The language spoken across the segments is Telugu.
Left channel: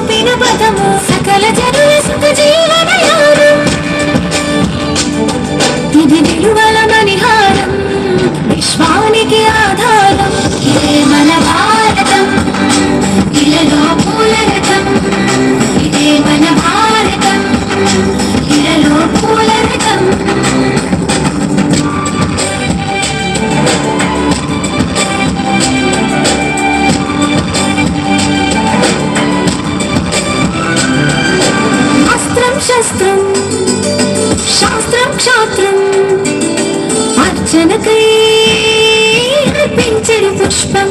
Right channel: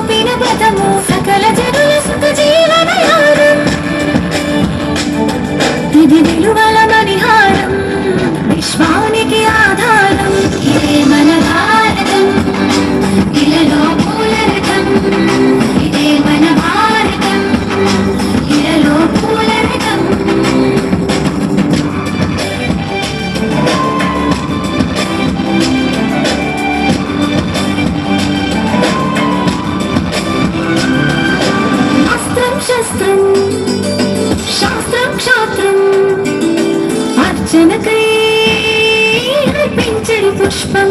చూపిన పదము సకల జనుల సుఖ జీవనయానం ఇది విలువల మణిహారం విశ్వానికి ఆధారం ఇదే మన భారతం ఇలలో పూలరథం ఇదే మన భారతం ఇలలో పూలరథం శస్త్రం శాస్త్రం క్షాత్రం అర్చనకై అర్పించని పుష్పం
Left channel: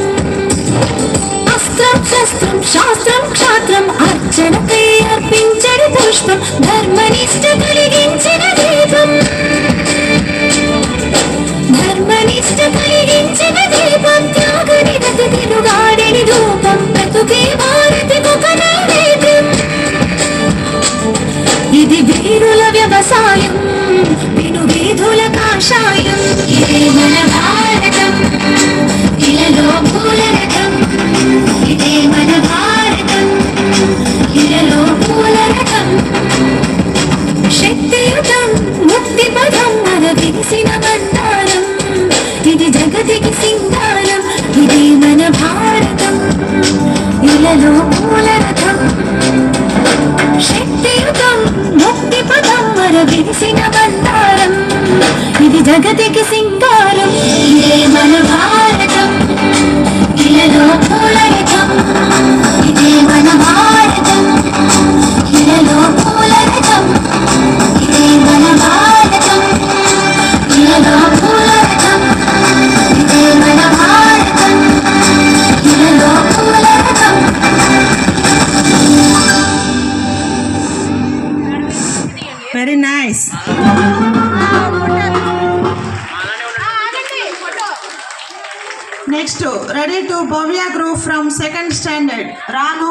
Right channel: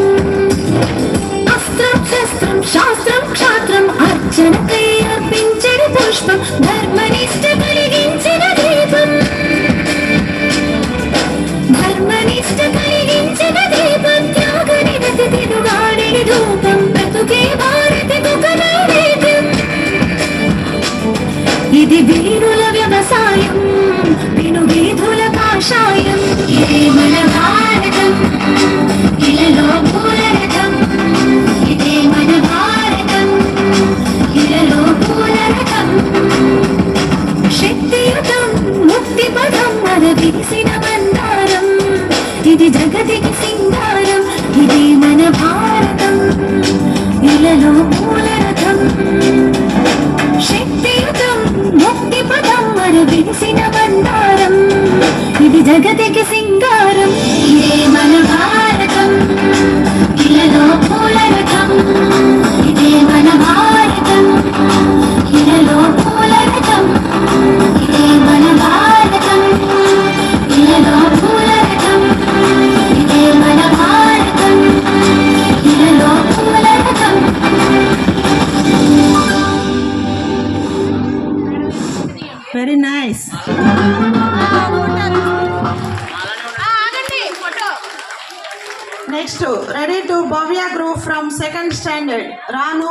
అస్త్రం శస్త్రం శాస్త్రం క్షాత్రం అర్చనకై అర్పించని పుష్పం ధర్మనిష్ట కలిగించిన దీపం ధర్మనిష్ట కలిగించిన దీపం త్యాగ నిరత తెలుగాడిని ధూపం బ్రతుకే భారతి ఒక నైవేద్యం ఇది వీరుల వ్యవసాయం విను వీధుల కాషాయం ఇదే మన భారతం ఇలలో పూలరథం ఇదే మన భారతం ఇలలో పూలరథం శక్తియుతం ముక్తి పదం మన దిగిసిన బండారం ఇది జగతికి సింగారం ఇదే మన భారతం ఇలలో పూలరథం శక్తియుతం ముక్తి పదం మన దిగిసిన బండారం ఇది జగతికి సింగారం ఇదే మన భారతం ఇలలో పూలరథం ఇదే మన భారతం ఇలలో పూలరథం ఇదే మన భారతం ఇలలో పూలరథం ఇదే మన భారతం ఇలలో పూలరథం very nice. Next ready to Bhavya group from second standard రాను.